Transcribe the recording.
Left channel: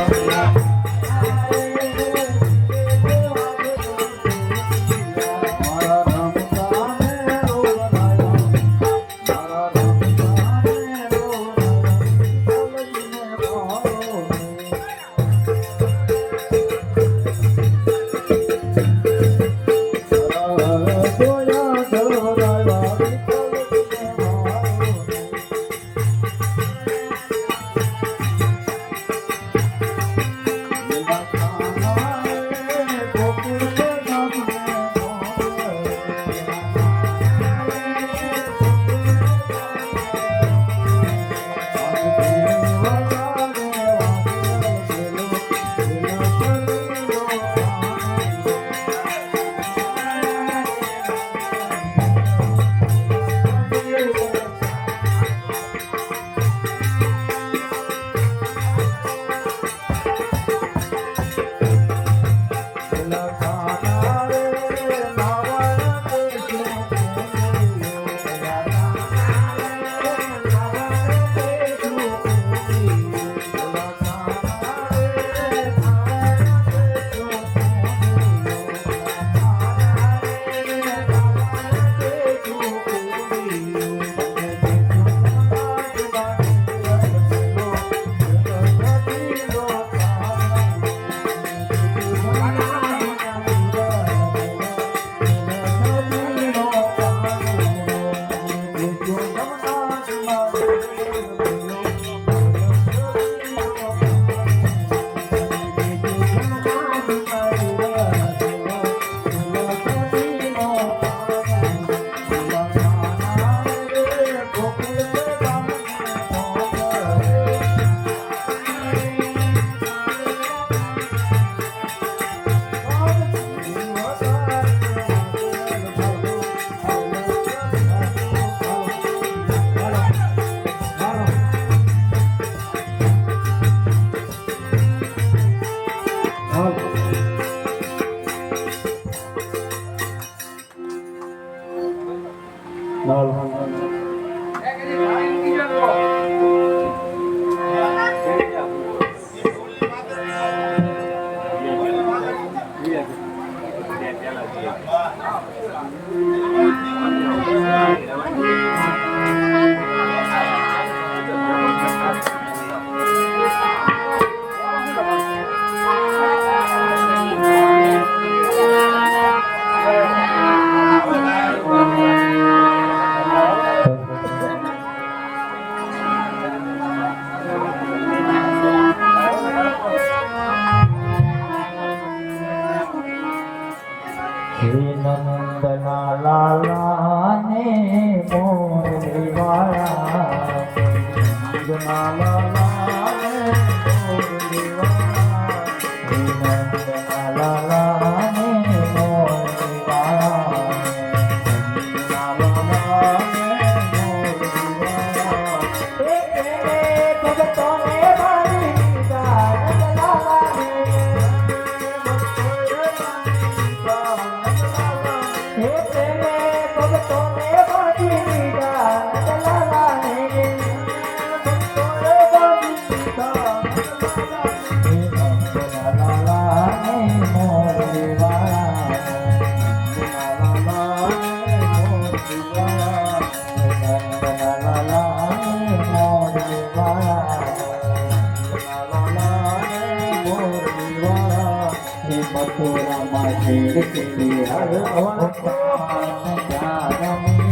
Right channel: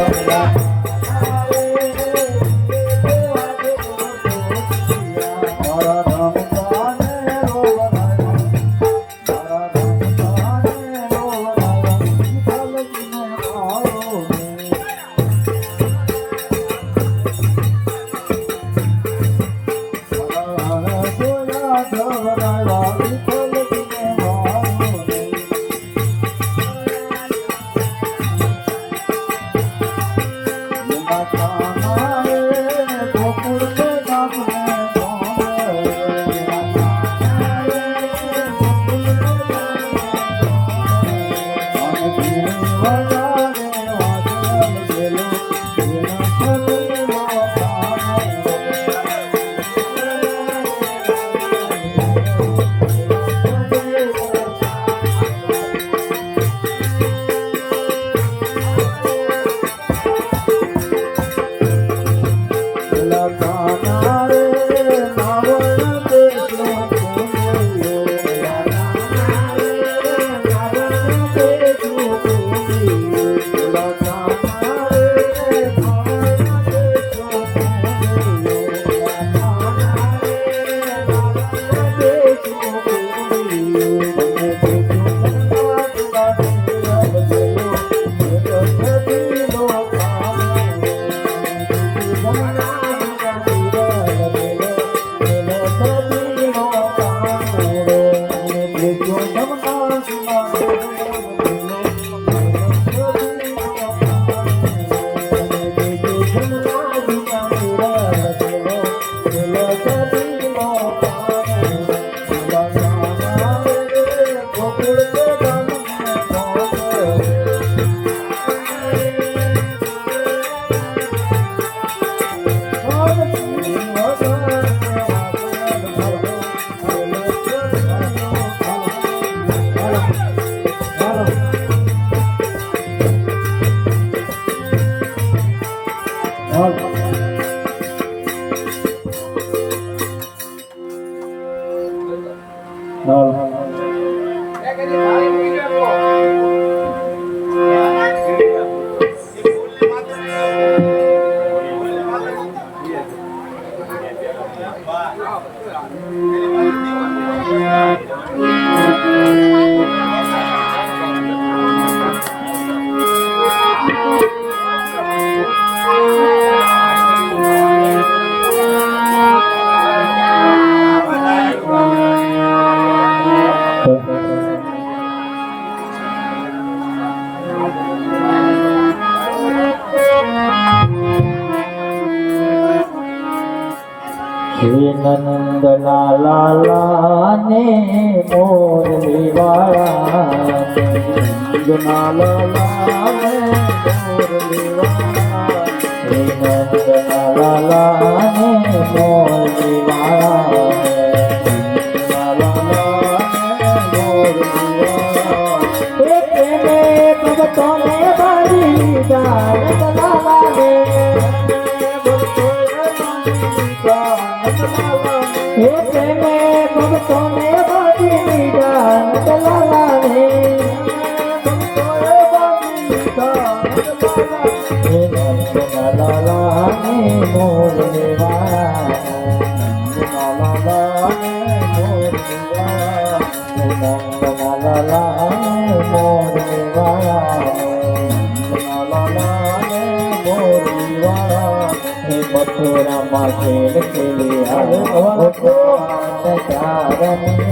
Música 嗯。नंद लाला ने मोर लाला Oh, oh,